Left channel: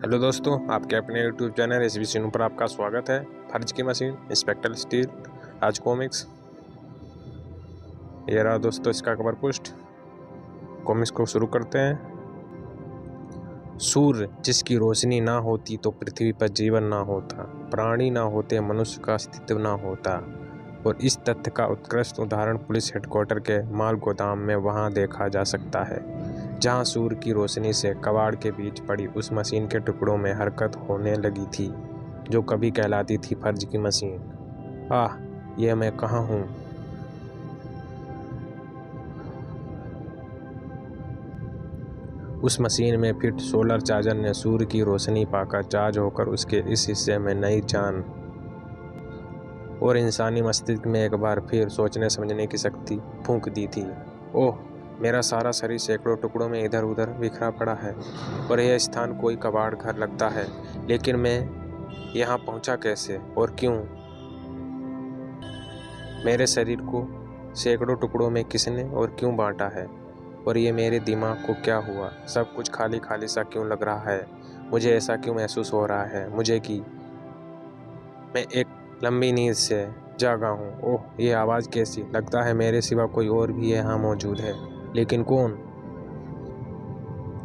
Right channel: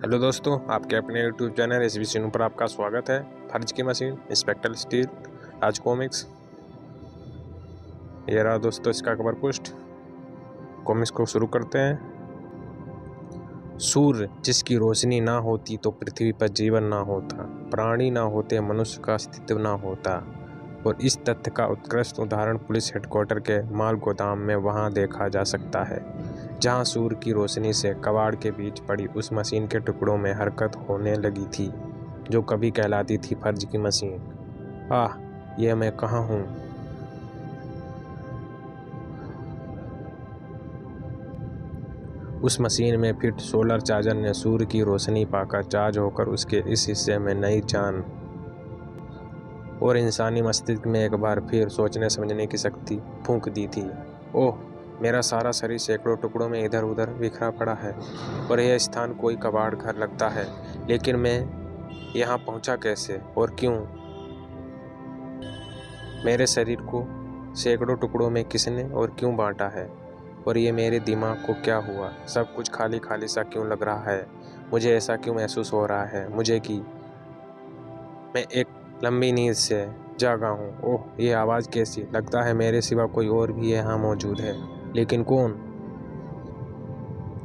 Hello दोस्तों, आपके अपने यूट्यूब चैनल एस बी पर आपका स्वागत है। फर्ज की मशीन, इंस्पेक्टर स्टील, राज कॉमिक्स। ये रहा दोस्तों इसका कवर पोस्ट। कॉमिक्स को शुरू करते हैं। सूर्य जिसकी रोशनी ना होती तो पृथ्वी पर जीवन ना होता, प्राणी ना होते, मनुष्य का अस्तित्व ना होता। और इस तथ्य का उत्कृष्ट उदाहरण पुलिस हेडक्वार्टर के माल गोदाम में वहां देखा जा सकता है, जहां सूर्य की रोशनी से कबाड़ के बीच पड़ी उस मशीन के टुकड़ों में हरकत होने लगी थी जो कभी कहलाती थी फर्ज की मशीन। आह, यह मैं कहाँ हूँ? उस मशीन में फिट सोलर चार्जर ने सूर्य की रोशनी पाकर चार्ज होकर उसके इस हिस्से में नई जान और इंसानी मस्तिष्क में एक बार फिर सोचने समझने की शक्ति फूंक दी थी। ओह, मेरा सारा शरीर सैकड़ों टुकड़ों में इधर उधर बिखरा पड़ा है और यह स्थान कोई कबाड़ घर लगता है। लेकिन मैं यहाँ पहुँचा कैसे और क्यों? मेरे शरीर को सैकड़ों टुकड़ों में किसने और क्यों बांटा है? और ये मेरे दिमाग को क्या हुआ? सब कुछ खाली खाली सा क्यों लग रहा है? मुझे ऐसा क्यों महसूस हो रहा है मुझे कि मैं एक लंबी नींद से जागा हूँ? ओह, ये आवाज़ कैसी? लगता है मेरे सिवा कोई और भी यहाँ मौजूद है, लेकिन कौन?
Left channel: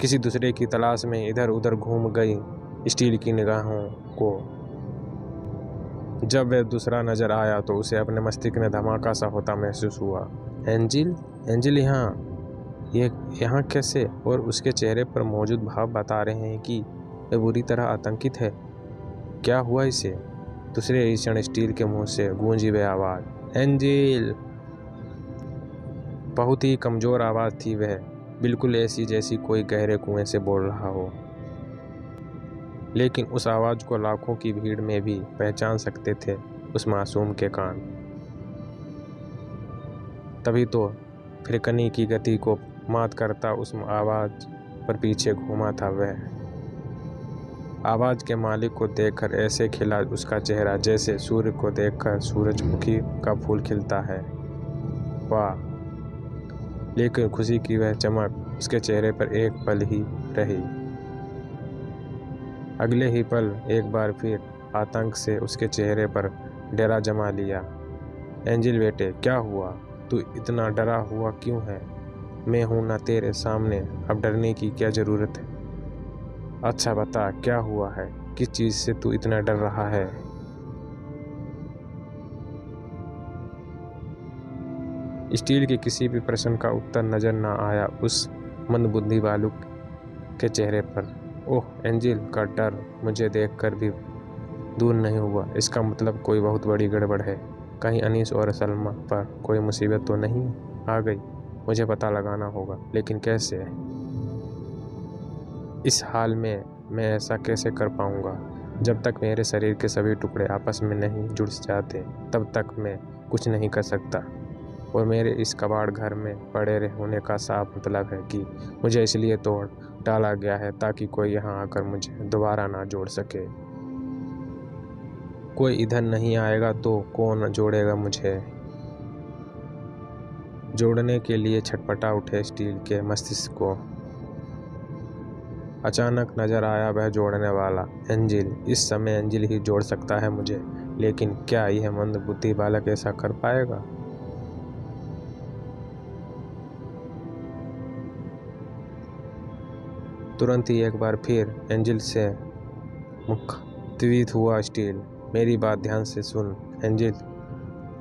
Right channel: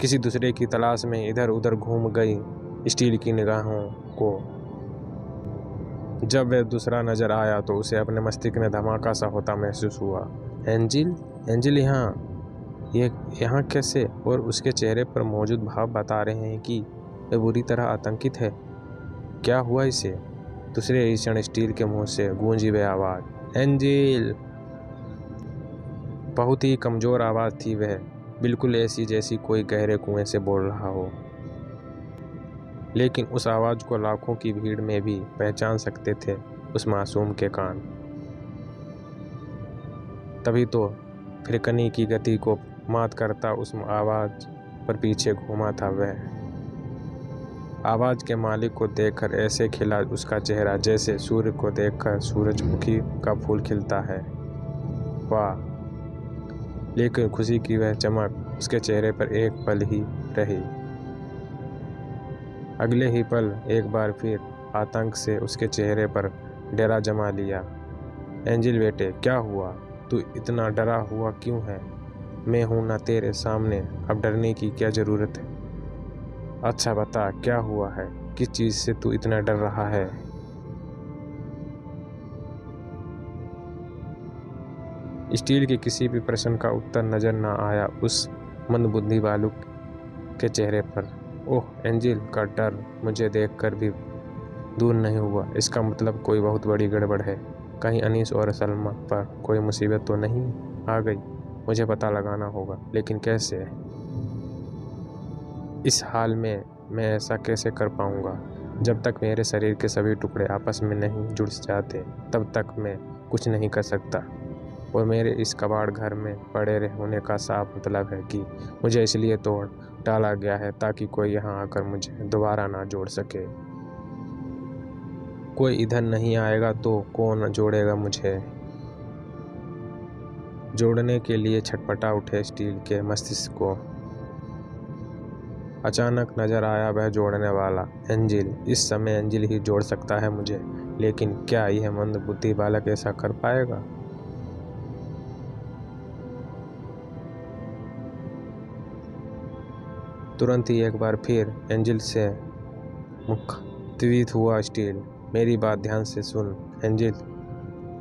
किसी दूसरे की तलाश में इधर उधर घूम गई स्टील की निगाहों को जब वह दूसरा नजर आया तो उसे अपने मस्तिष्क में धमाका सा होता महसूस हुआ। एंजिल, एंजिल ये यहाँ कैसे? और उसके चेहरे पर मौजूद भाव बता रहे हैं कि वह बुरी तरह आतंकित है। क्या हुआ इसे? दूसरे ही क्षण स्टील के मुंह से गूंजी वह आवाज, एंजिल। बहुत ही कमजोर आवाज थी वह, बिल्कुल ऐसी जैसी कोई गहरे कुएं से बोल रहा हो। लेकिन उस आवाज को लाखों की भीड़ में भी पहचान सकते थे उस मासूम के कान। तभी तो फिरकनी की गति को मात करता उस आवाज पर पीछे घूमा था वह। आवाज के मालिक को देखकर ऐसे खिला उसका चेहरा जैसे सूर्य को देखकर सूरजमुखी का फूल खिलता है। वाह! लेकिन खुशी की वह चमक उसके चेहरे पर एक पल ही रही। अगले ही पल एक बार फिर आतंक से उसके चेहरे पर डरा जमा लिया। एंजिल बेटे, क्या हुआ? तू इतना डरा हुआ क्यों है? मैं हूं ना तेरे सामने, अब डरने की क्या जरूरत है? अच्छा बता, क्या हुआ है? किस चीज से तू इतना डर रहा है? स्टील के किसी भी प्रश्न का उत्तर नजर न आया उस मंदबुद्धि बालक के चेहरे पर। ओह, एंजिल का डर मुझे देखकर भी दूर नहीं हुआ। इसका मतलब कोई बहुत बड़ी गड़बड़ है। कहीं अनीस और सलमा पर कोई मुसीबत तो नहीं आ गई? मुझे पता लगाना होगा, लेकिन कैसे? इस हाल में मैं ऐसा कैसे कर पाऊंगा? जब तक मेरे शरीर के सभी टुकड़े आपस में नहीं जुड़ जाते तब तक मैं कुछ नहीं कर सकता। और मेरे इस कबाड़ घर में पड़े होने का साफ मतलब है कि मुझे इसलिए तोड़ डाला गया है ताकि कोई यहाँ आकर मुझे दोबारा ना जोड़ सके। कोई इधर नहीं आएगा तो कौन जोड़ेगा मुझे? जोड़ने के लिए छटपटा उठे स्टील के मस्तिष्क को। अचानक नजर आया वह जोड़ने वाला, एंजिल। इस समय एंजिल ही जोड़ सकता है मुझे, लेकिन क्या यह मंदबुद्धि बालक ऐसा कर पाएगा? तुरंत ही एक बार फिर एंजिल से मुखातिब हुआ स्टील। मेरी बात ध्यान से सुन एंजिल,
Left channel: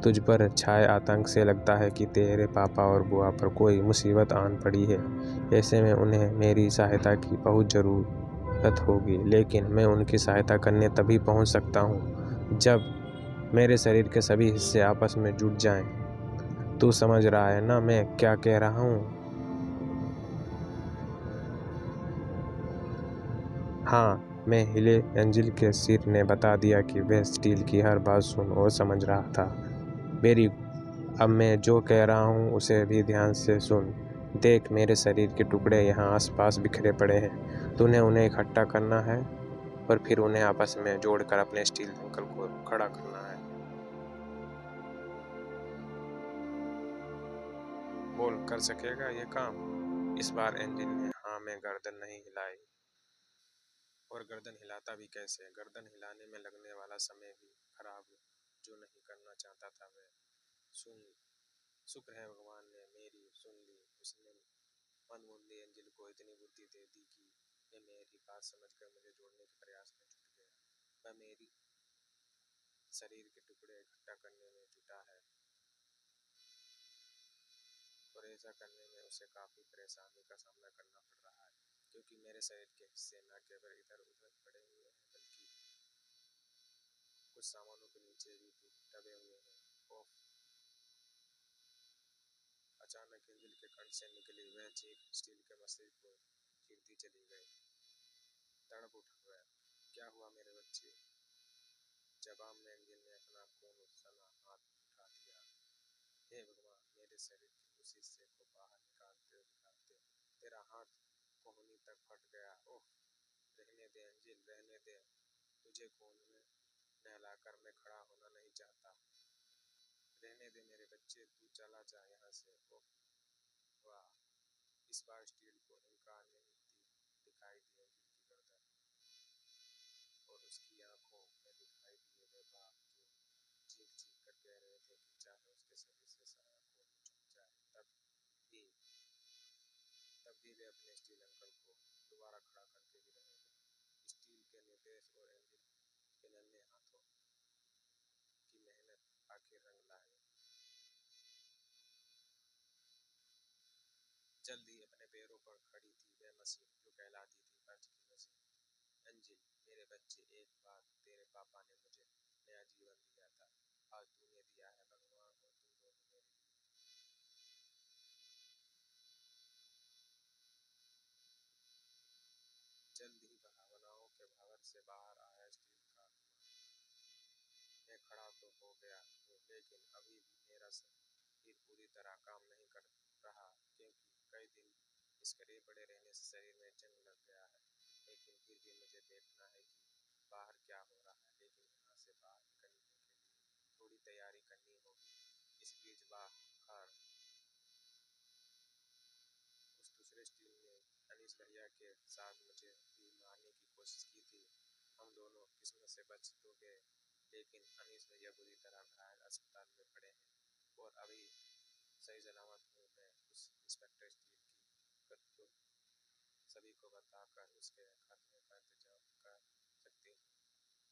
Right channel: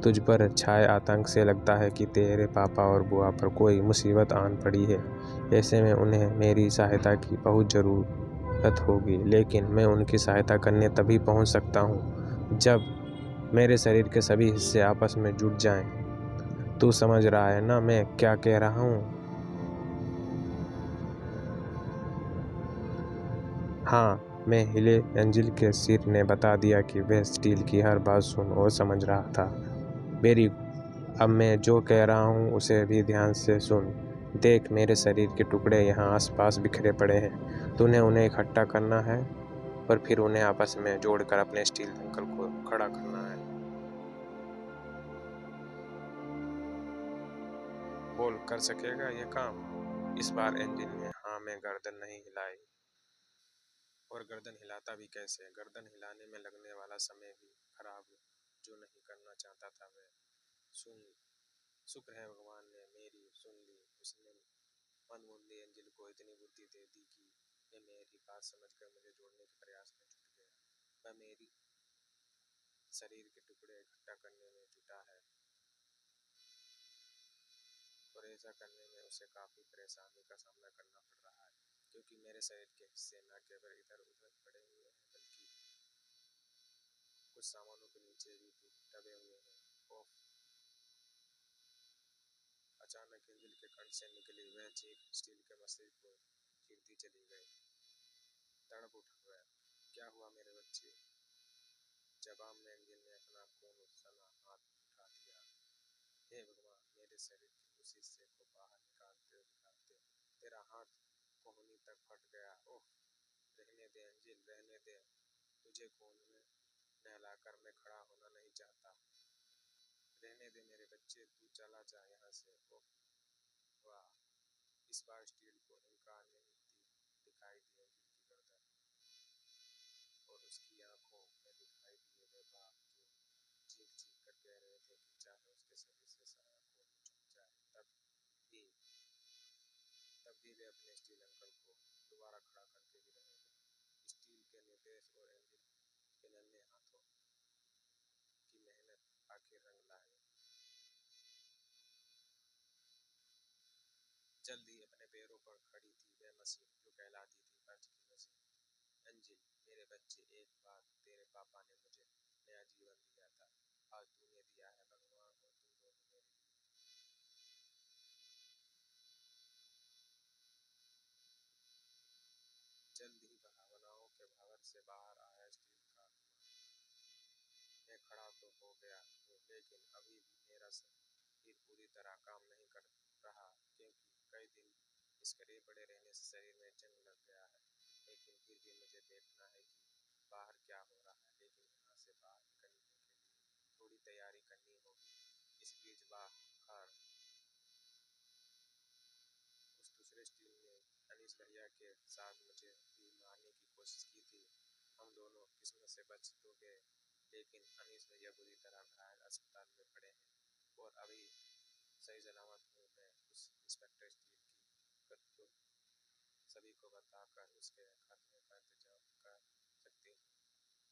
तुझ पर छाए आतंक से लगता है कि तेरे पापा और बुआ पर कोई मुसीबत आन पड़ी है। ऐसे में उन्हें मेरी सहायता की बहुत ज़रूरत होगी, लेकिन मैं उनकी सहायता करने तभी पहुंच सकता हूं जब मेरे शरीर के सभी हिस्से आपस में जुड़ जाएं। तू समझ रहा है ना मैं क्या कह रहा हूँ? हाँ, मैं हिले। एंजिल के सिर ने बता दिया कि वह स्टील की हर बात सुन और समझ रहा था। मेरी अब मैं जो कह रहा हूँ उसे भी ध्यान से सुन। देख, मेरे शरीर के टुकड़े यहाँ आसपास बिखरे पड़े हैं। तूने उन्हें इकट्ठा करना है और फिर उन्हें आपस में जोड़कर अपने स्टील दंकल को खड़ा करना है। बोल, कर सकेगा ये काम? इस बार एंजिल ने हाँ में गर्दन नहीं हिलाई और गर्दन हिलाता भी कैसे। गर्दन हिलाने में लगने वाला समय भी खराब जो नहीं करना चाहता था वह सुन। शुक्र है भगवान ने मेरी सुन ली। उसने मनमुंदी एंजिल को इतनी बुद्धि दे दी कि वह मेरी बात समझकर मुझे जोड़ने के प्रयास में जुट गया। वह मेरी शरीर के टुकड़े इकट्ठा करने में जुटा है और ऐसा करने में उसे काफी परेशानी का सामना करना पड़ रहा है, क्योंकि मेरे शरीर के हिस्से न केवल इधर उधर पड़े हुए हैं बल्कि कुछ सामानों के नीचे भी दबे हुए हैं। ओह! अचानक एंजिल के कंठ से निकली वह चीख स्टील के मस्तिष्क को चीरती चली गई। तड़प उठा वह। क्या हुआ मेरे बच्चे? जवाब में एंजिल ने अपना खून सना हाथ उठा दिया। हे भगवान! मेरे शरीर के उस हिस्से को बाहर निकालते तेरा हाथ कोहनी तक फट गया। ओह! रहने दे एंजिल, रहने दे। तुझे खून में नहलाकर मैं खड़ा होना नहीं चाहता। रहने दे मेरे बच्चे, तू चला जा यहाँ से। ओह वाह! इस बार स्टील को इनकार नहीं दिखाई दी एंजिल की गर्दन और उसकी आंखों में दिखाई दिए वे बाप जो चीख चीख कर कह रहे थे कि चाहे उसके शरीर से सारा खून छूट जाए तब भी वे अपने स्टील अंकल को दोबारा खड़ा करके ही रहेंगे। स्टील के निर्देश और एंजिल के नन्हे हाथों की मेहनत आखिर रंग लाई। जल्द ही अपने पैरों पर खड़ी थी वह मशीन जो कहलाती थी बर्थ की मशीन। एंजिल, मेरे बच्चे, एक बार तेरे पापा ने मुझे नया जीवन दिया था। आज तूने दिया है भगवान और तुम दोनों मेरे लिए। जल्द ही भावनाओं के भंवर से बाहर आया स्टील का आत्मा। मैं खड़ा तो हो गया हूँ, लेकिन अभी भी मेरा शरीर पूरी तरह काम नहीं कर रहा, क्योंकि कई दिन इसके पड़े रहने से शरीर में जंग लग गया है। लेकिन फिर भी मुझे देखना है कि बाहर क्या हो रहा है। लेकिन यहाँ से बाहर निकलने के लिए थोड़ी तैयारी करनी होगी। इस बीच बाहर उस दूसरे स्टील ने अनीस भैया के साथ मुझे भी मारने की कोशिश की थी। हम दोनों किस्मत से बच तो गए, लेकिन अनीस भैया बुरी तरह घायल अस्पताल में पड़े हैं और अभी सही सलामत हूँ। मैं उस इंस्पेक्टर स्टील की करतूत सभी को बताकर उसके खात्मे का इंतजाम कर सकती हूँ।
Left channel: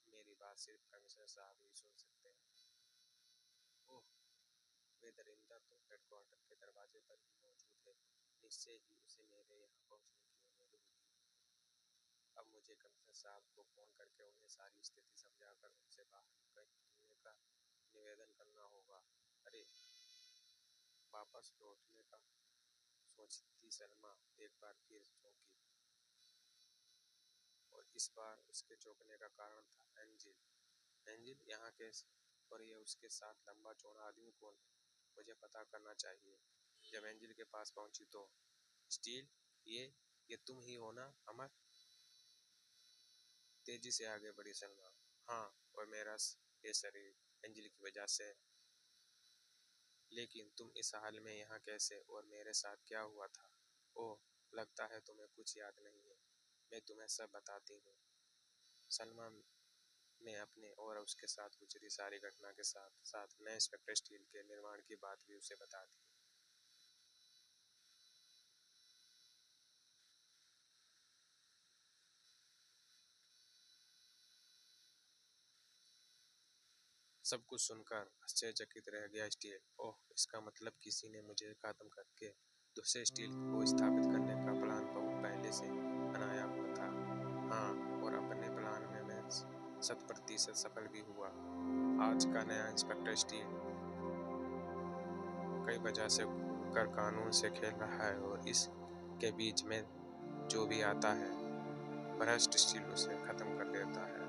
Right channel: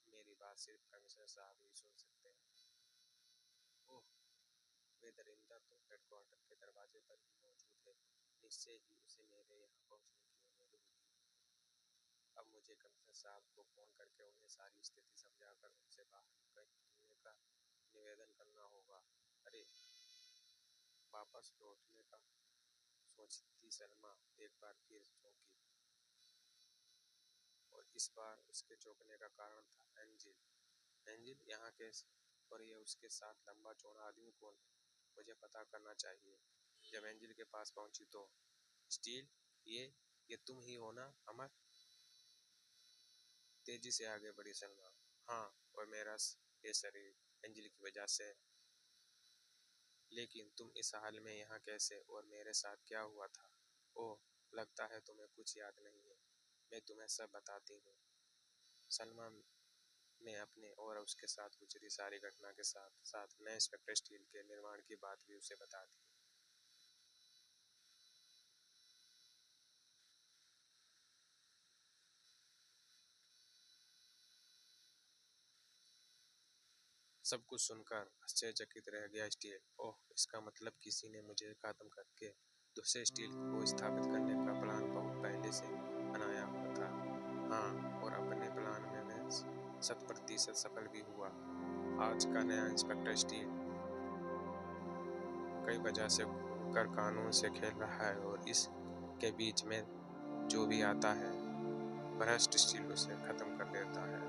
मेरी बात सिर्फ कमिश्नर साहब ही सुन सकते हैं। ओह! वे दरिंदा तो हेडक्वार्टर के दरवाजे पर ही मौजूद है। निश्चय ही उसे मेरे यहाँ पहुँचने की उम्मीद होगी। अब मुझे कमिश्नर साहब को फोन करके उन्हें सारी स्थिति समझाकर उनसे बाहर निकलने का निवेदन करना होगा। अरे! वापस लौटने का सोचती सलमा एक बार फिर चौंकी और इस बार उसके चौंकने का कारण था एंजिल। एंजिल यहाँ कैसे? और ये उसके साथ लंबा चौड़ा आदमी कौन है? मुझे पता करना चाहिए। जब एंजिल के पास पहुंची तो स्टील, ये तुम ही हो ना अमर? तेजी से आगे बढ़ी सलमा। हाँ, और मेरा ये शरीर एंजिल की वजह से। लेकिन तुम इस हाल में यहाँ कैसे और मेरे साथ क्या हुआ था? ओह, लगता है तुम्हें कुछ याद नहीं है। मैं तुम्हें सब बताती हूँ। सलमा ने अपने और उसके साथ गुजरी सारी घटना के साथ साथ नए इंस्पेक्टर स्टील के निर्माण की बात भी उसे बता दी। सब कुछ सुनकर आश्चर्यचकित रह गया स्टील। ओह, इसका मतलब किसी ने मुझे खत्म करके दूसरे स्टील को स्थापित करने का प्लान बहुत पहले से बनाया हुआ था। हाँ, और अपने प्लान में मैं 100% सफल भी हुआ। आज का नया इंस्पेक्टर स्टील कई वजह से खुलकर कानून से खेल रहा है और इसके बीच में जो भी आता है भ्रष्ट स्टील उसे खत्म कर देता है।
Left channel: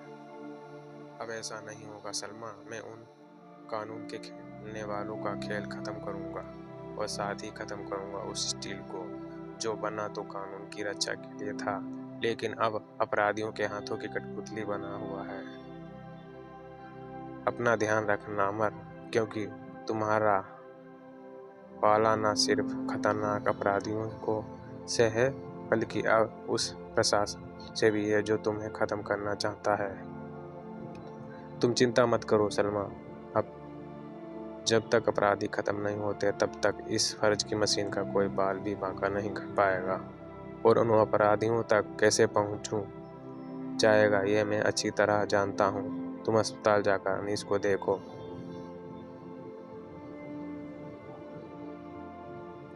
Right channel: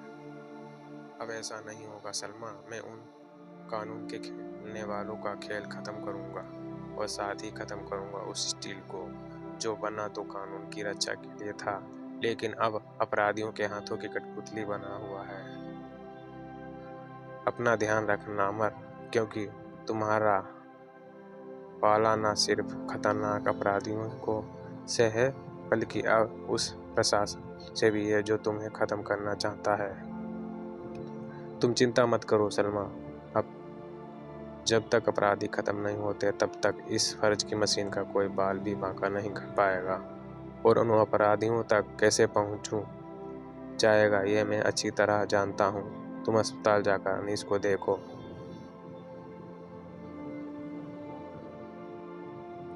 अब ऐसा नहीं होगा सलमा। मैं उन कानून के खेलने वालों का खेल खत्म करूंगा और साथ ही खत्म करूंगा उस स्टील को जो बना तो कानून की रक्षा के लिए था, लेकिन अब अपराधियों के हाथों की कठपुतली बना हुआ है। अपना ध्यान रखना अमर, क्योंकि तुम्हारा पाला न सिर्फ खतरनाक अपराधियों को से है बल्कि अब उस प्रशासन से भी है जो तुम्हें ख़त्म करना चाहता है। तुम चिंता मत करो सलमा, अब जब तक अपराधी ख़त्म नहीं होते तब तक इस फर्ज की मशीन का कोई बाल भी बांका नहीं कर पाएगा। और उन अपराधियों तक कैसे पहुंचूं जाएगा ये मैं अच्छी तरह जानता हूं। तुम अस्पताल जाकर अनीस को देखो।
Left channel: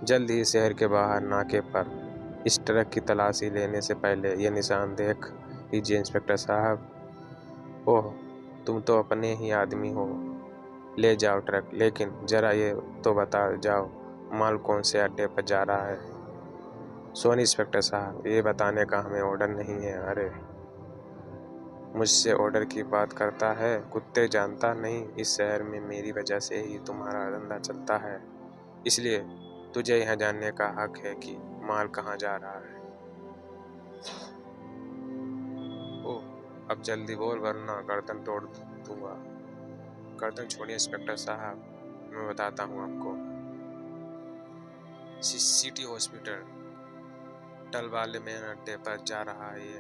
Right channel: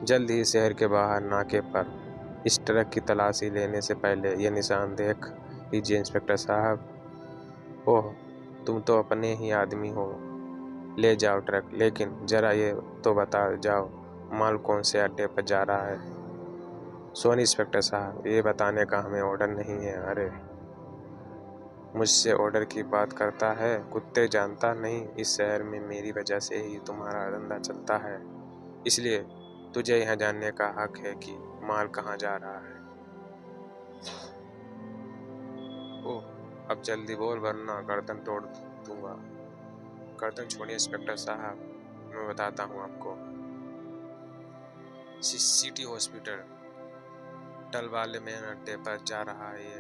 जल्द ही शहर के बाहर नाके पर इस ट्रक की तलाशी लेने से पहले ये निशान देख लीजिए इंस्पेक्टर साहब। ओह, तुम तो अपने ही आदमी हो। ले जाओ ट्रक, लेकिन जरा ये तो बता जाओ माल कौन से अड्डे पर जा रहा है। सोनी इंस्पेक्टर साहब, ये बताने का हमें ऑर्डर नहीं है। अरे, मुझसे ऑर्डर की बात करता है कुत्ते। जानता नहीं इस शहर में मेरी वजह से ही तुम्हारा धंधा चलता है, इसलिए तुझे यह जानने का हक है कि माल कहाँ जा रहा है। ओह, अब जल्दी बोल वरना गर्दन तोड़ दूंगा। गर्दन छोड़िए इंस्पेक्टर साहब, मैं बताता हूँ आपको। सिटी हॉस्पिटल टल वाले मेन अड्डे पर जा रहा है ये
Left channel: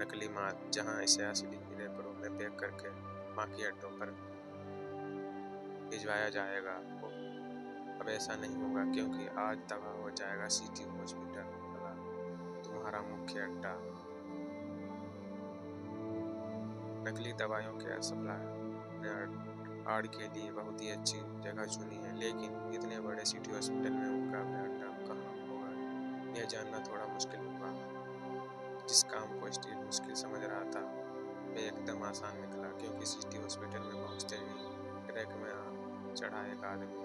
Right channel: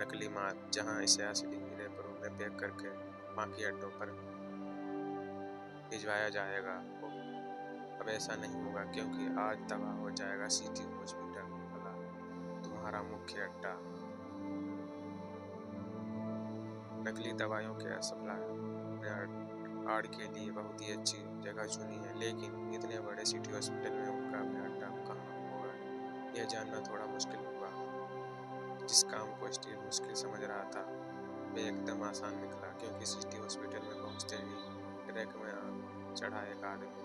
नकली माल, जहाँ इसे असली रैपरों में पैक करके बाकी अड्डों पर भिजवाया जाएगा। अब ऐसा नहीं होगा, क्योंकि आज तबाह हो जाएगा सिटी हॉस्पिटल वाला तुम्हारा मुख्य अड्डा। नकली दवाइयों के सप्लाई आड़ के लिए बहुत ही अच्छी जगह चुनी है, लेकिन इतने बड़े सिटी हॉस्पिटल में उनका अड्डा कहाँ होगा यह जानना थोड़ा मुश्किल होगा। जिस काम को स्टील मुश्किल समझ रहा था वह एकदम आसान निकला, क्योंकि सिटी हॉस्पिटल में पहुंचते ही ट्रक में चढ़ा एक आदमी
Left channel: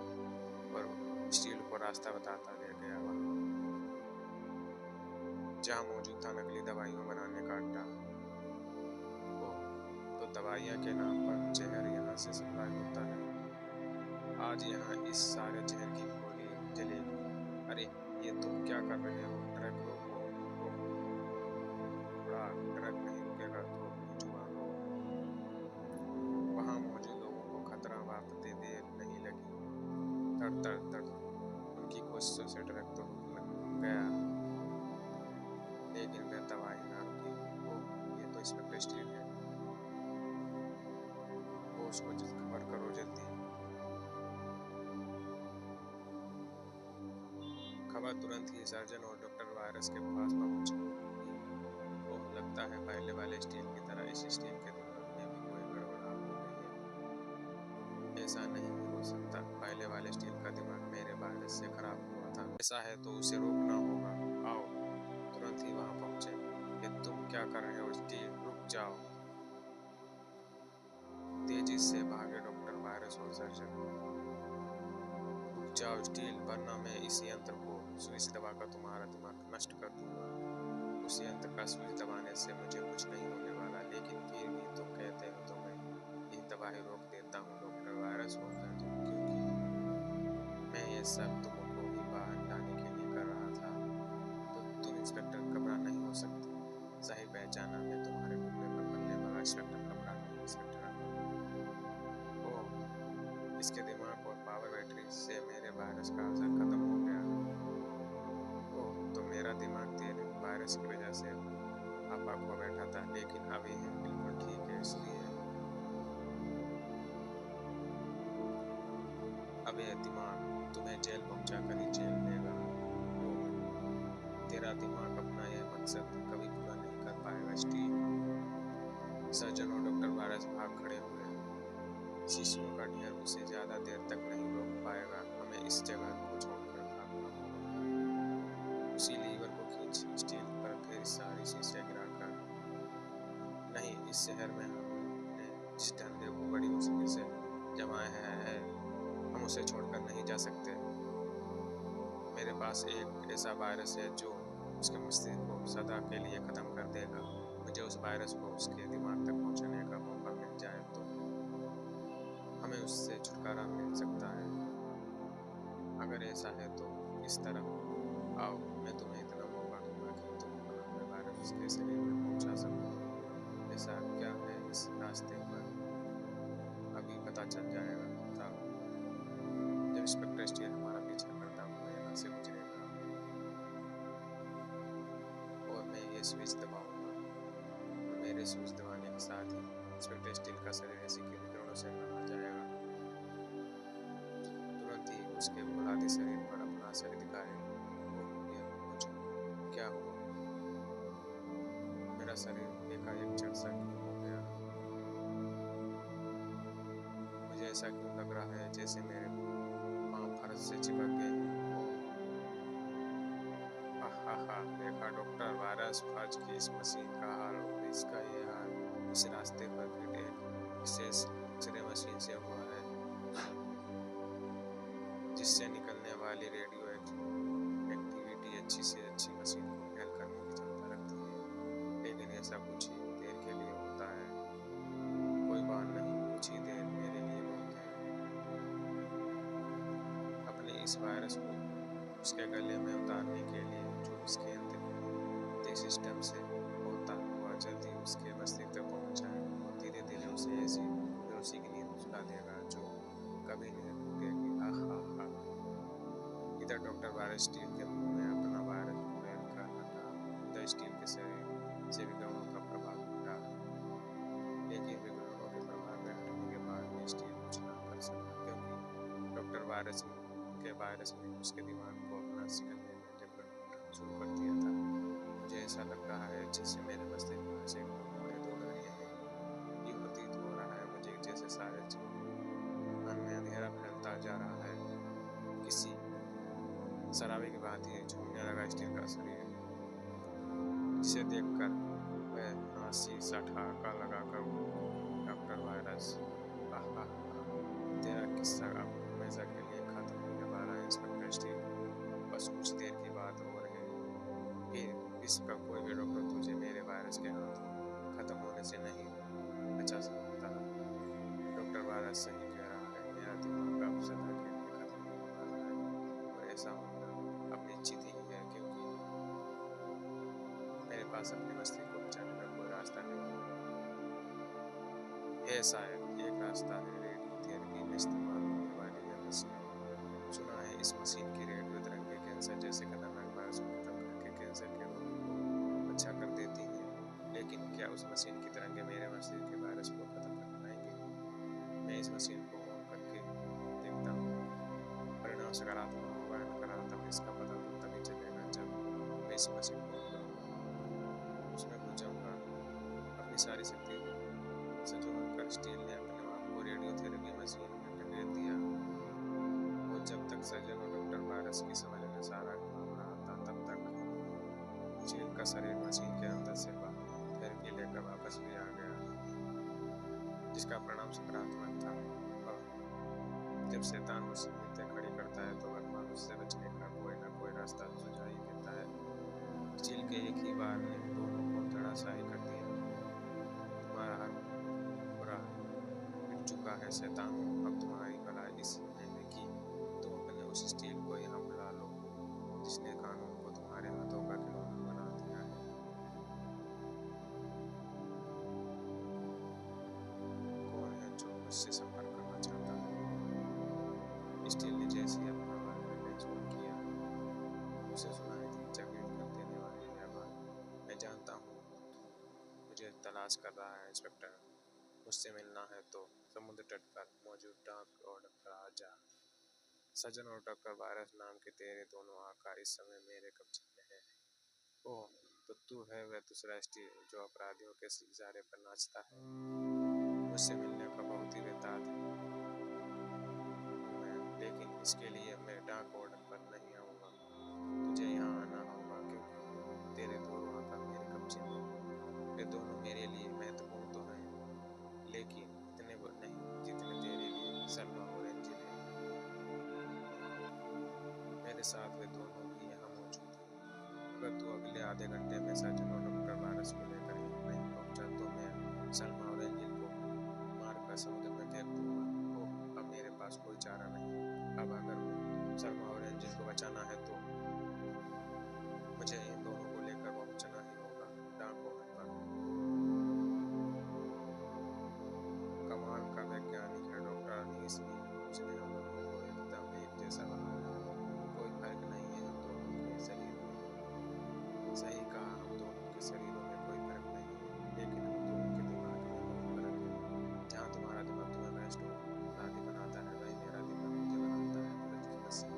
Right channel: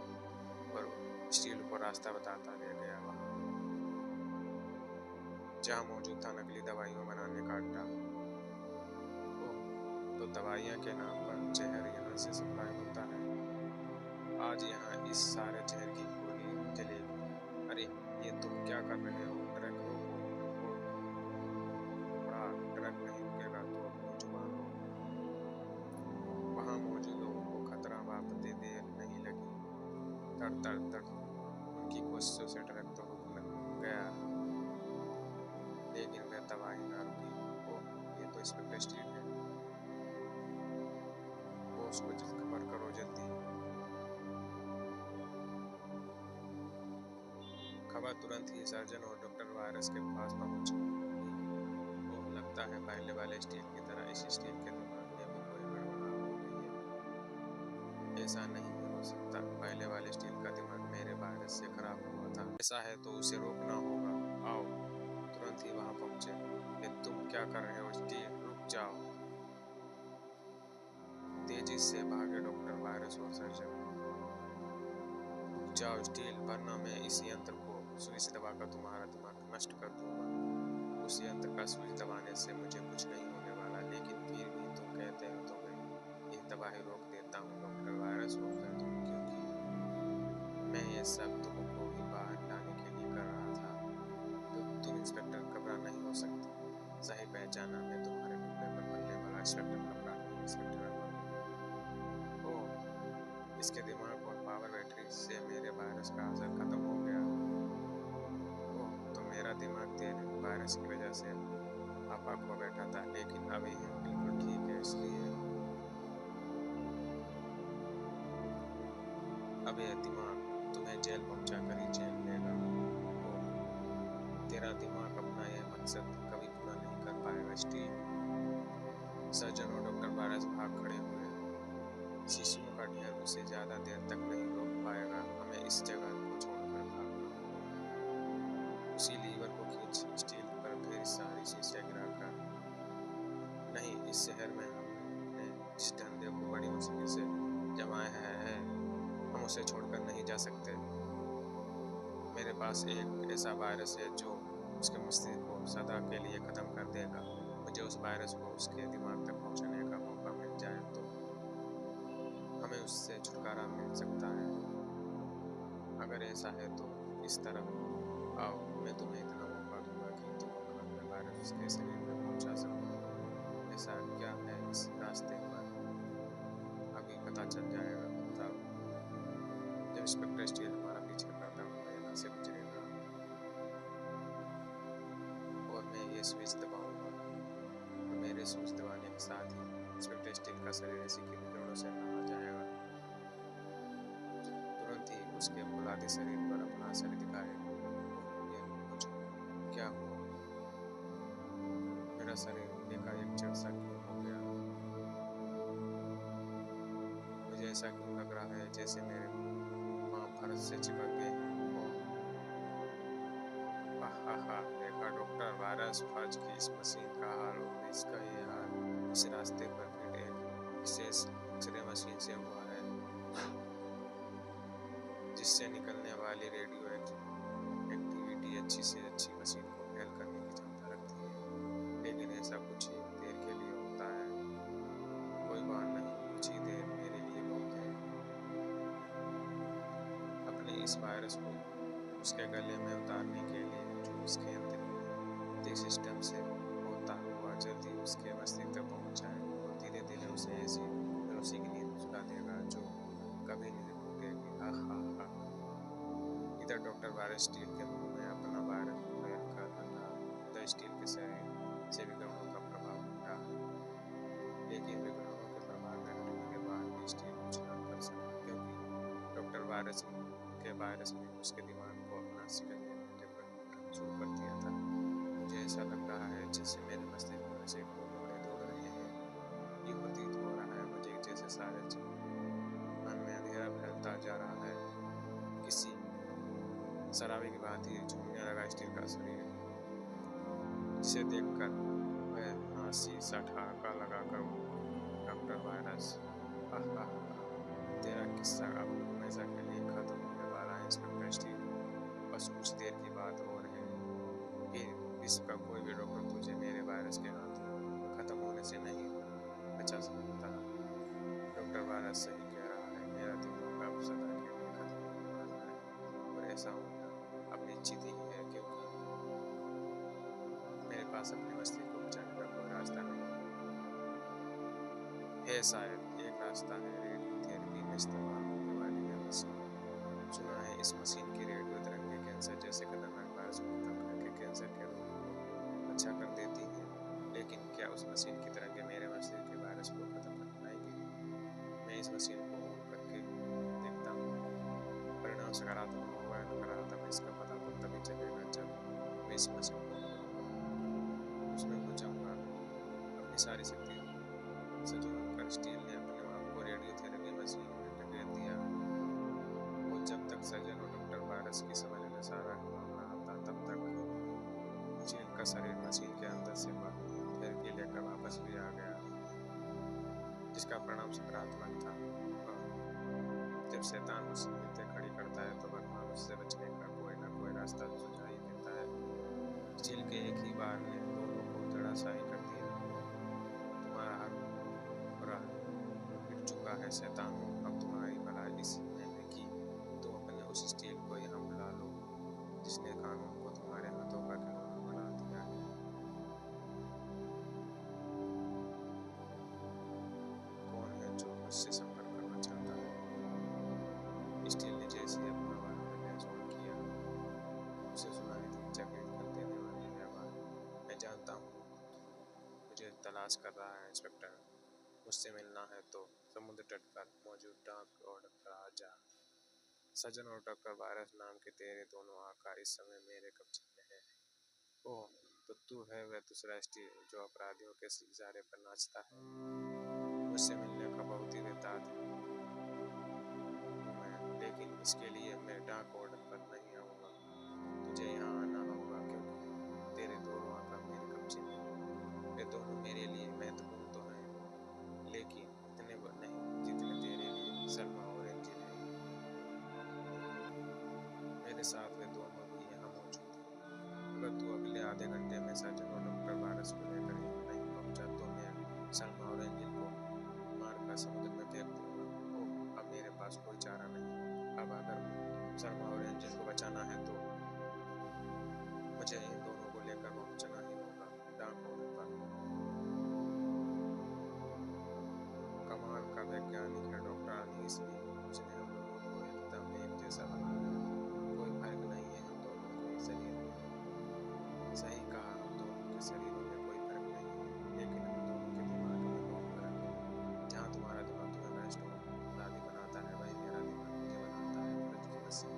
और स्टील को रास्ता बताता ले गया वहाँ जहाँ मौजूद था नकली दवाइयों बनाने का अड्डा। ओह, तो दवाइयाँ के नाम पर जहर यहाँ से सप्लाई होता है। आज यहाँ इस सारे जहर की गोली जलेगी। अरे, ये तुम क्या कर रहे हो? ट्रक रोको। बड़ा ट्रक नहीं रुकेगा तो अपनी जुबान हो। वहाँ मौजूद लोगों को खतरा वापते देर नहीं लगी। तड़ तड़ तड़ उनकी कोशिशों से ट्रक तो रुक गया, लेकिन वह तबाही ना रुकी। ओह, ये तो इंस्पेक्टर स्टील है। वो उसको खबर करो जल्दी। खबर तुरंत ही सर्जन और डॉक्टर वायरस के पास पहुंच गई। ओह, लगता है पहले वाले स्टील की तरह इस स्टील के दिमाग में भी कोई गड़बड़ा हो गई है। ऐसा नहीं हो सकता, पहले वाले स्टील का दिमाग मेरे वायरस से खराब हुआ था। ऐसा है तो उसे रोकना होगा। आओ, तुरंत ही वहां पहुंचे। ये तुम क्या कर रहे हो स्टील? रुक जाओ। तेजी से भागे डॉक्टर वायरस और सर्जन। रुक जाओ स्टील, वरना मैं इस यंत्र को सुई से दबाकर तुम्हारा दिमाग नष्ट कर दूंगा। उस यंत्र का सुई दबाने से मुझे कुछ नहीं होने वाला, लेकिन फिर भी तुम कहते हो तो मैं ये तबाही रोक देता हूँ डॉक्टर वायरस और सर्जन, क्योंकि मैं ये सब तुमको ही बाहर लाने के लिए कर रहा था। तो तुम इंस्पेक्टर कपड़ा नहीं हो सकते। सही पहचाना, मैं तुम्हारे टुकड़े पर पलने वाला इंस्पेक्टर कपड़ा नहीं, इंस्पेक्टर ओह, इसके दिमाग और पावर बैटरी से मेरे वायरस का असर खत्म हो गया। ओह, तो मेरा दिमाग तेरे वायरस की वजह से आपा खो बैठा था, लेकिन अब यह बिल्कुल ठीक है। इसलिए अब यह दिमाग तुम्हें जेल पहुंचा कर ही जेल लेगा। ओह, तेरा दिमाग अपना यह मकसद कभी पूरा नहीं कर पाएगा स्टीव। सर्जन और डॉक्टर वायरस भाग खड़े हुए। शिशुओं का ढेर उसे ज्यादा देर तक नहीं रोक पाएगा। हमें इस जगह को छोड़कर भागना होगा। उसी लीवर को खींच स्टील पर ढेर सारी शीशियां गिराकर। नहीं, इस शहर में हमने जिस धंधे को बड़ी मुश्किल से जमाया है हम उसे छोड़कर नहीं जा सकते। मेरे पास एक ऐसा वायरस है जो उसके मस्तिष्क को सदा के लिए खत्म कर देगा। मुझे उस वायरस को उसके दिमाग तक पहुंचाने का मौका मिल जाए तो हमें उससे छुटकारा मिल सकता है। अगर ऐसा है तो इस तरफ आओ, मैं तुम्हें इतना मौका दूंगा कि तुम अपना वायरस उसके शरीर में पहुंचा सको। ऐसा क्या है इस रास्ते पर, अभी पता चल जाएगा। तब जब इंस्पेक्टर स्टील हमारा पीछा करता हुआ यहाँ से गुजरेगा और मैं ये स्विच दबाऊंगा और मेरे स्विच दबाने के साथ ही इंस्पेक्टर स्टील का शरीर ऐसी किरणों से नहा जाएगा तुरंत ही उसके फुलाते शरीर पर अपना असर दिखाएगा। ओह, ये मुझे क्या हुआ? मेरा शरीर एकाएक जड़ सा क्यों हो गया? मुझे ऐसा क्यों लग रहा है जैसे मेरे पाँव फर्श से चिपक गए हैं। हा, देखा डॉक्टर, वायरस फज की इस मशीन का हाल और इसका ये हाल इस रास्ते पर फिट एक विशेष एक्सरे मशीन से हुआ है जिससे निकलने वाली रेडियो एक्टिविटी अच्छी से अच्छी मशीन को फेल करने की क्षमता रखती है। लेकिन ऐसा कुछ ही देर के लिए होता है। कोई बात नहीं, कुछ ही देर मेरे लिए बहुत है। अपने इस वायरस को उसके गले में उतारने के लिए जो उसके अंदर सिस्टम से होता हुआ जल्दी उसके मस्तिष्क तक पहुंच जाए और धीरे धीरे उसे ऐसी बेहोशी की नींद सुला देगा जो कभी नहीं टूटेगी। हा। इधर डॉक्टर वायरस स्टील के मुंह में अपना वायरस फैल कर हटा, उधर स्टील के शरीर से विकिरणों का प्रभाव हटा। लेकिन विकिरणों के प्रभाव में हटने के बाद भी स्टील कुछ ना कर सका क्योंकि डॉक्टर वायरस ने उसके दिमाग को अपना शिकंजे में जकड़ना शुरू कर दिया था। मुझे ऐसा लग रहा है जैसे मेरे मस्तिष्क में सैकड़ों मोड़े दौड़ रहे हैं। ये प्रतीत हो रहा है मुझे जैसे सारे मन में अंधेरा फैलता जा रहा है। किसी शराबी की भांति झूमने लगा स्टील का शरीर, जिसे देखकर वह नासी सा ठहाका लगाकर डॉक्टर वायरस, हा, तेरा किस्सा अब हमेशा के लिए खत्म होने वाला है इंस्पेक्टर स्टील। बस कुछ देर की बात और है, फिर विश्व का कोई भी डॉक्टर तुझे मेरे वायरस के हाथों खत्म होने से नहीं बचा सकता। डॉक्टर वायरस सही कह रहा है, मेरा दिमाग अब सदा के लिए खत्म होने वाला है और ऐसा होना अब निश्चित ही है क्योंकि मेरे पास अपने मस्तिष्क को बचाने का कोई रास्ता नहीं है। शायद एक रास्ता है, रेडियोथेरेपी में इस्तेमाल होने वाली यह मशीन। सुना है इस मशीन की रेडियो तरंगें कैंसर जैसे खतरनाक वायरस को खत्म करके कैंसर के रोग को अच्छा कर देती हैं। लेकिन क्या उस मशीन की तरंगें मेरे मस्तिष्क के वायरस को खत्म कर पाएंगी? मैं इस मशीन को ऑन करके देखता हूँ। परिणाम सकारात्मक होगा या नकारात्मक, इसका पता तो तभी चलेगा जब मैं इस मशीन को ऑन करूँगा, उसमें घुस जाऊँगा। अपनी सारी शक्ति संजोकर कर स्टील ने अपने आप को रेडियोथेरेपी मशीन में ढकेल दिया और जब तक सर्जन और डॉक्टर वायरस की समझ में सारा मामला आता तब तक स्टील का शरीर मशीन के अंदर से थेरेपी लेकर वापस भी आ गया, जिसका परिणाम सकारात्मक था। जब शैतान मुसीबतें खड़ी करता है तो भगवान उससे बचने का कोई ना कोई रास्ता सुझा ही देता है। स्टील के एक ही बार ने दोनों को धड़ाशाही कर दिया। तुम्हारा हाथ बुरा पिट चुका है शैतानों, अब तुम्हारी भलाई इसी में है कि तुम अपने उस स्टील को यहाँ बुला लो जिसने कानून को तुम्हारे हाथों का खिलौना बना दिया है। कौन है जो मुझसे संपर्क करना चाहता है? स्टील ने जैसे ही अपना वायरलेस ऑन किया, उसे सुनाई दी चकित कर देने वाली आवाज, मैं जानता हूँ मुझे तलाश कर रहा है इंस्पेक्टर। मुझसे मिलना है तो समुद्र तट पर मौजूद डाक और डॉक्टर आजा। सज्जन और डॉक्टर वायरस नाम के तेरे दोनों आका इस समय मेरे कब्जे में है। ओह, तो तू है वह दूसरा स्टील जो अपराधियों के इशारे पर नाचता है। मुझसे मिलने का बहुत ही बेताब हूँ मैं, लेकिन इसके लिए मैं डाक ऑर्डर पर नहीं आऊँगा। तुझे यहाँ आना होगा क्योंकि तेरे दोनों आका मेरे कब्जे में हैं। वे दोनों मेरे लिए महत्वपूर्ण तो हैं, लेकिन इतने नहीं जितने तेरे लिए सलमा और एंजिल है। मेरे साथ वे दोनों भी यहाँ मौजूद हैं। अगर तू अगले आधे घंटे में सर्जन और डॉक्टर वायरस को लेकर यहाँ नहीं पहुँचा तो मैं सलमा और एंजिल को मारकर समुद्र में फेंक दूंगा। ओह, अब मेरे पास कोई चारा नहीं। अब अगर सलमा और एंजिल को बचाना है तो मुझे इन दोनों को लेकर पहुँचना ही होगा डाक ऑर्डर पर। कमाल का वैज्ञानिक है डॉक्टर अनीस भी, उसने हम दोनों को एकदम एक जैसा बनाया है। कोई फर्क नहीं है हम दोनों के शरीर में। सही कहा, हम दोनों के शरीरों में कोई फर्क नहीं है, लेकिन हम दोनों के दिमाग में बहुत फर्क है। जहाँ तुम्हारा दिमाग तुम्हें बेस्ट हो अपराधी बनाता है, वही मेरा दिमाग मुझे बनाता है फर्ज की मशीन।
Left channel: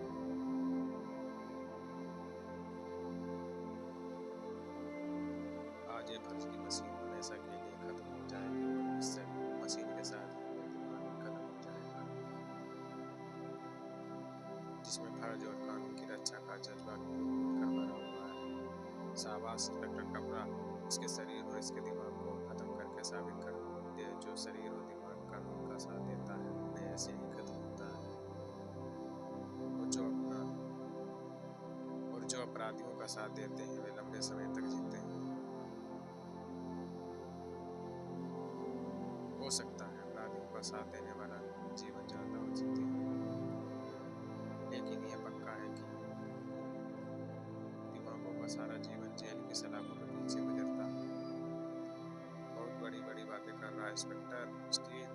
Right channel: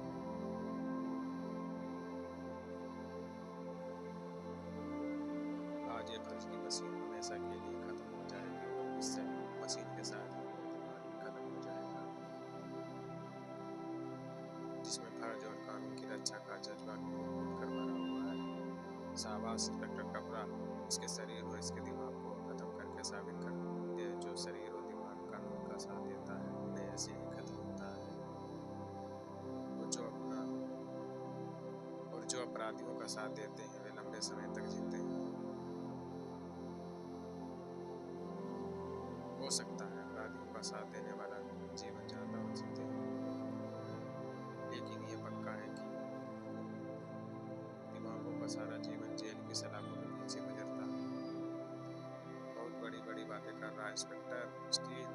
आज ये फर्ज की मशीन हमेशा के लिए खत्म हो जाएगी और इससे मशीन के साथ ही मेरा दिमाग भी खत्म हो जाएगा, जिसमें फर्ज और कानून की रक्षा का जज्बा कूट कर भरा हुआ है। शाबाश इंस्पेक्टर कपरा, इसके शरीर और इसके दिमाग को खत्म करके साबित कर दे, जो शरीर और दिमाग कानून का साथ देता है उन्हें ऐसे ही खत्म होता है, और जो अपराधियों का साथ देते हैं वे लंबे समय तक जीते हैं। हो सकता है अपराधियों का साथ देने वाला जीवन ज्यादा हो जीते हैं, लेकिन यह पक्का है कि दिमागों का सारा जीवन जेल की सलाखों के पीछे गुजरता है। बहुत बड़ी बड़ी बातें कर रहा है इंस्पेक्टर स्टील,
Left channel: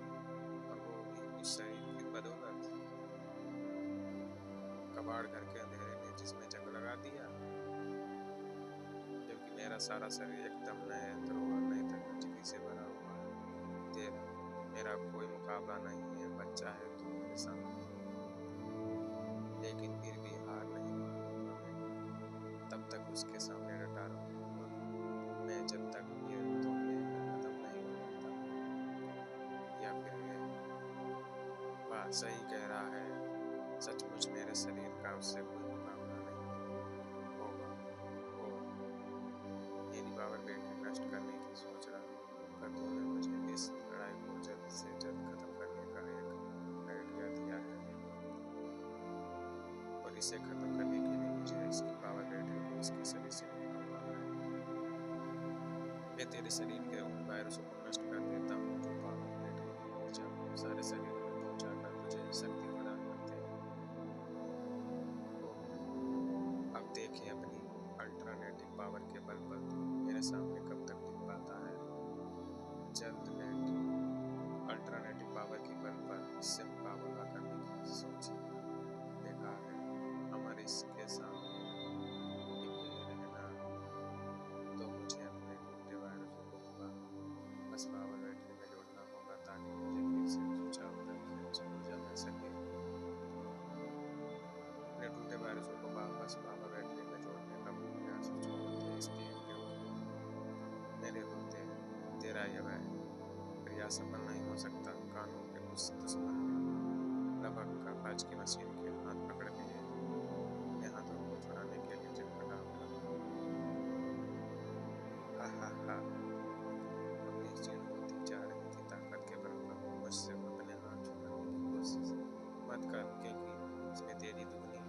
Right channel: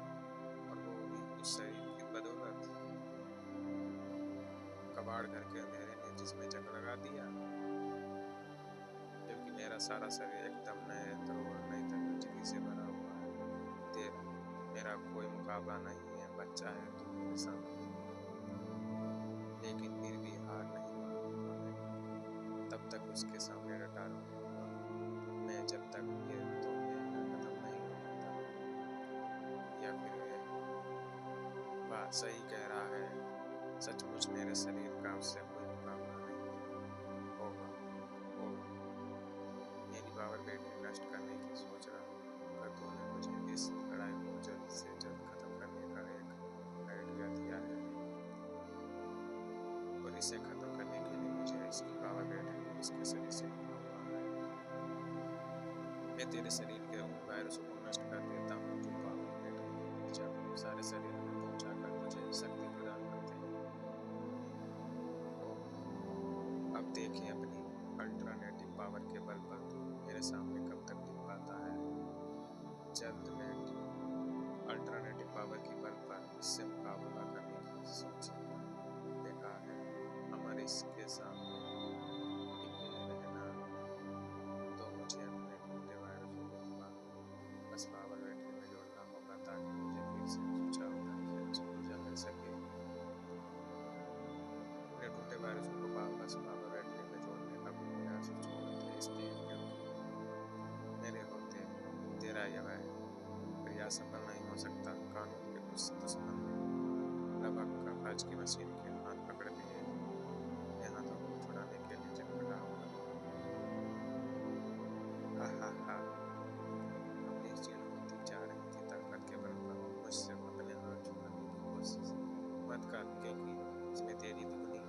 और वो भी उस शरीर की बदौलत। कबाड़ घर के अंधेरे ने जिसमें जंग लगा दिया, जबकि मेरा सारा शरीर एकदम नए यंत्रों और नई तकनीकी से भरा हुआ है। तेरा मेरा कोई मुकाबला नहीं है बच्चा, है तू मेरे सामने, लेकिन फिर भी हार नहीं मानूंगा मैं, तब तक उसके सामने डटा रहूंगा मैं, जब तक ये तो मैं खत्म नहीं हो जाता। या फिर ये वाह सही कह रहा है, सचमुच मेरे शरीर का उससे कोई मुकाबला नहीं होगा, और मेरी पावर बैटरी नष्ट करने की सोच रहा हूँ। पर तूने मुझे इस लड़ाई को जल्द से जल्द खत्म करने का एक आइडिया दिया है, और इसे खत्म करने के लिए मुझे इसकी पावर बैटरी को इसके शरीर से निकालना है। मैं तेरे शरीर के उन वायरसों को नष्ट कर देता हूँ जो पावर बैटरी की ऊर्जा को सारे शरीर में पहुंचाकर तुझे शक्ति प्रदान करते हैं। अब देखें अपनी अल्टरनेटिव पावर के बल पर तू मेरे सामने कब तक टिक पाता है। जल्द मैं अल्टरनेटिव पावर की बल पर इससे मुकाबला करने की सोची बेकार है। अमर इसके सामने टिके रहना, तो मुझे अपने टूटे वायरसों को बस पावर बैटरी में जोड़ना होगा, ताकि मुझे फिर से सुचारू ढंग से ऊर्जा मिल सके। अपने टूटे वायरसों को वापस पावर बैटरी में जोड़ने का प्रयास छोड़ दे स्टील, क्योंकि मेरे होते तेरा यह प्रयास सफल नहीं हो सकता। कानून के उस दुश्मन ने रबक का फर्ज की मशीन के हाथ पकड़ लिए, अपने हाथों को छुड़ाने के लिए चटपटा उठा। हा हा हा, अपनी क्षीण होती जा रही थी ताकत के बल पर मुझसे अपने हाथ छुड़ाने की कोशिश मत कर, क्योंकि इसमें तेरी दुगनी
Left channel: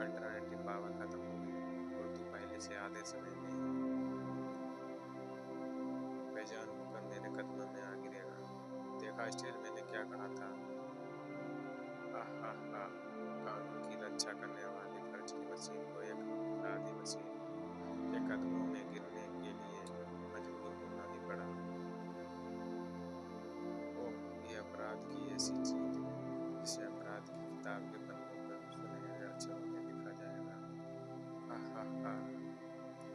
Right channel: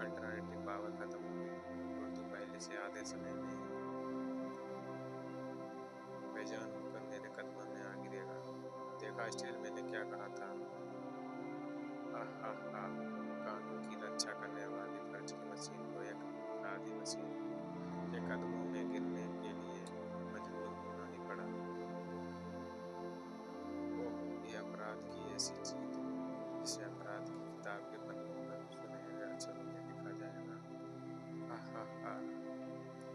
अल्टरनेटिव पावर खत्म हो गई और तू पहले से आधे समय में बेजान होकर मेरे कदमों में आ गिरेगा। देखा स्टील, मैंने क्या कहा था। आहा, कानून की रक्षा करने वाली फर्ज की मशीन को एक अपराधी मशीन के कदमों में गिरने के लिए मजबूर होना ही पड़ा। ओह, ये अपराध की ऐसी जीत जिसे अपराध की किताब के पन्नों पर सुनहरे अक्षरों में लिखा जाएगा। आहा,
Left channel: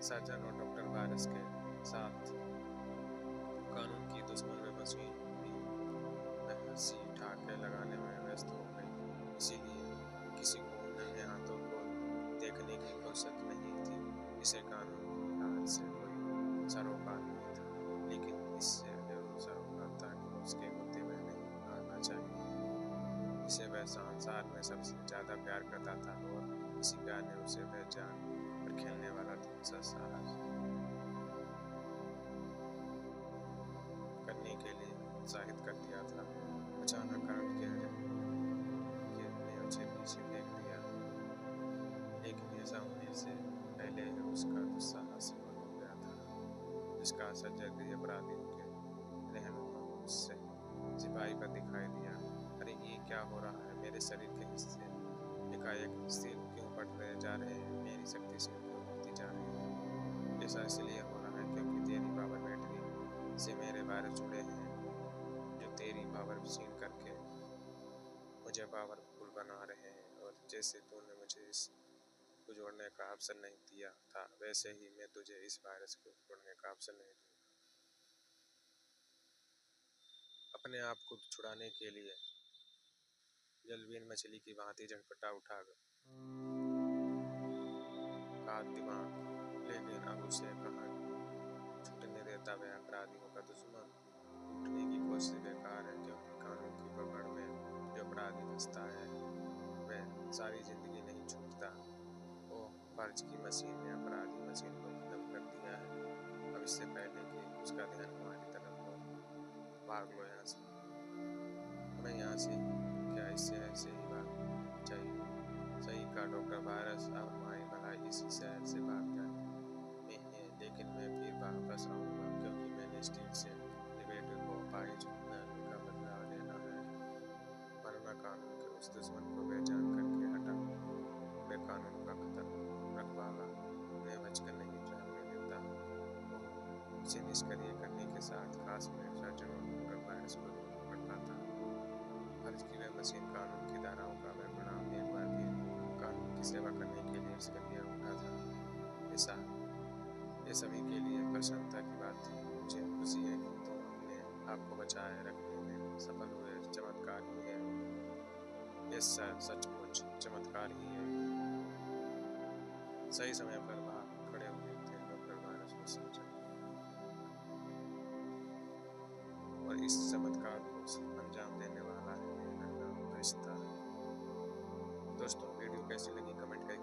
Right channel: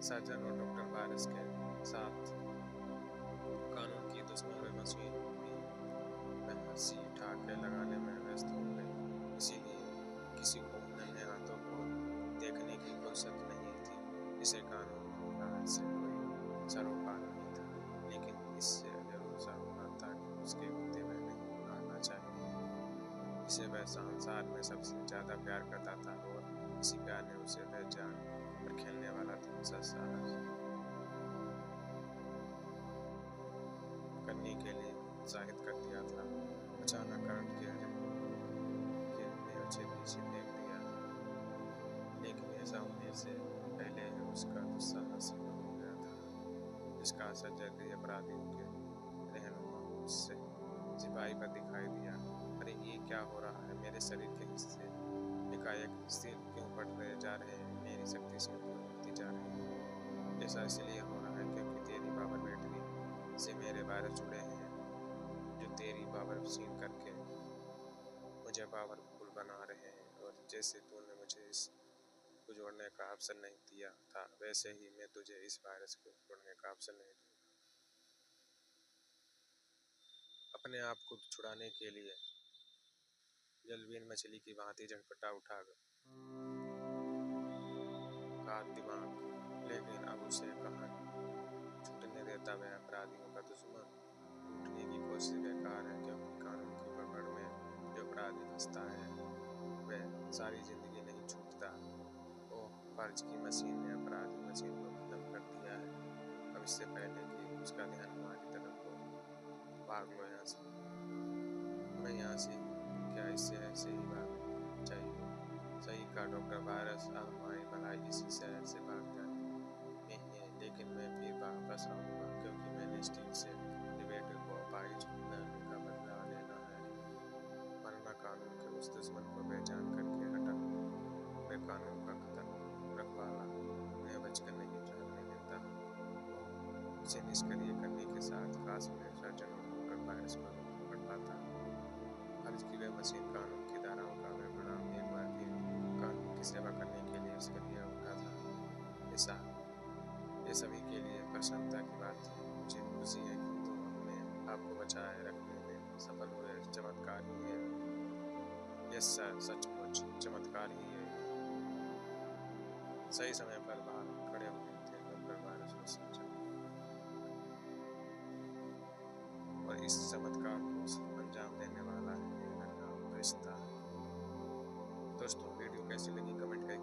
सर्जन और डॉक्टर वायरस के साथ कानून की दुश्मन व मशीन भी हंसी ठाके लगाने में व्यस्त हो गई, इसीलिए किसी को उन नन्हे हाथों को देखने की फुर्सत नहीं थी। इसे कानून की हार से कोई सरोकार नहीं था, लेकिन इससे जरूर सरोकार था कि उसके होते हुए नहीं हारना चाहिए, जिसे वह संसार में सबसे ज्यादा प्यार करता था, और इसी प्यार ने उसे वह जान पर खेलने वाला धूमसा साहस करने के लिए उत्साहित कर दिया था। अचानक करंट ने उसे पीछे फेंक दिया, लेकिन ऐसा होने से पहले ही उसका दुस्साहस सफल हो गया था। इसका असर जल्दी अपराधियों के रहनुमा उससे सिपाही पर दिखाई दिया। अरे ये क्या हो रहा है, मेरे शरीर के हिस्से एकाएक स्थिर क्यों पड़ रहे जा रहे हैं, मेरी शक्ति क्षीण क्यों होती जा रही है। ऐसा इसलिए हो रहा है क्योंकि तेरी पावर बैटरी से मेरे वायरस जुड़े हैं, जो तेरी पावर क्षीण करके मुझे पावरफुल बना रहे हैं। और जैसे तूने मुझे इस को जोड़ने का अवसर नहीं दिया था, वैसे ही मैं तुझे इस वायरस को जोड़ने का अवसर नहीं दूंगा। अपने आप को छुड़ाने के लिए जलवीन मछली की भांति झटपटा उठा का दिमाग, लेकिन अब उसे कहाँ छूटने देता। वह अपराधियों का दुश्मन। टूटने की कोशिश बेकार है, क्योंकि कानून की पकड़ में जो अपराधी फंसता है वह सारी जिंदगी नहीं छूटता। ओह, फर्ज की मशीन ने अपराधी मशीन को खत्म कर दिया है। अब इससे पहले कि उसका ध्यान हमारी तरफ हो, भाग लो यहाँ से। हमें यहाँ से क्या, इससे ऐसे ही भाग चाहिए। सही कहा डॉक्टर, वायरस अब हमारी भलाई इसी शहर से भाग जाए में है, लेकिन मैं फिर वापस आऊंगा, क्योंकि मैंने स्टील से बेटे को अपाहिज बनाने का बदला लेना है, वरना कानून के उस दुश्मन को पहचान करके हटा। वे कानून का रखवाला उन्हें बचकर नहीं भागने देता। इसे निष्क्रिय करने के साथ खास में सर्जन और डॉक्टर वायरस को नहीं पकड़ पाता। फर्ज की वह मशीन, कानून की धाराओं का वह गुलाम एक बार फिर कानून की सेवा करने के लिए सक्रिय उठा था। ऐसा ये सभी के लिए प्रसन्नता की बात थी। मुझे खुशी है कि तुम अपने आप को बचाए रखने में सफल हुए। चमत्कार ही है ये, सचमुच चमत्कार ही है। सही समय पर बाहर खड़े हुए थे डॉक्टर वायरस ने समझा, और इस चमत्कार को अंजाम देने वाला है ये नन्हा फरिश्ता। दोस्तों, वीडियो कैसी लगी कमेंट करके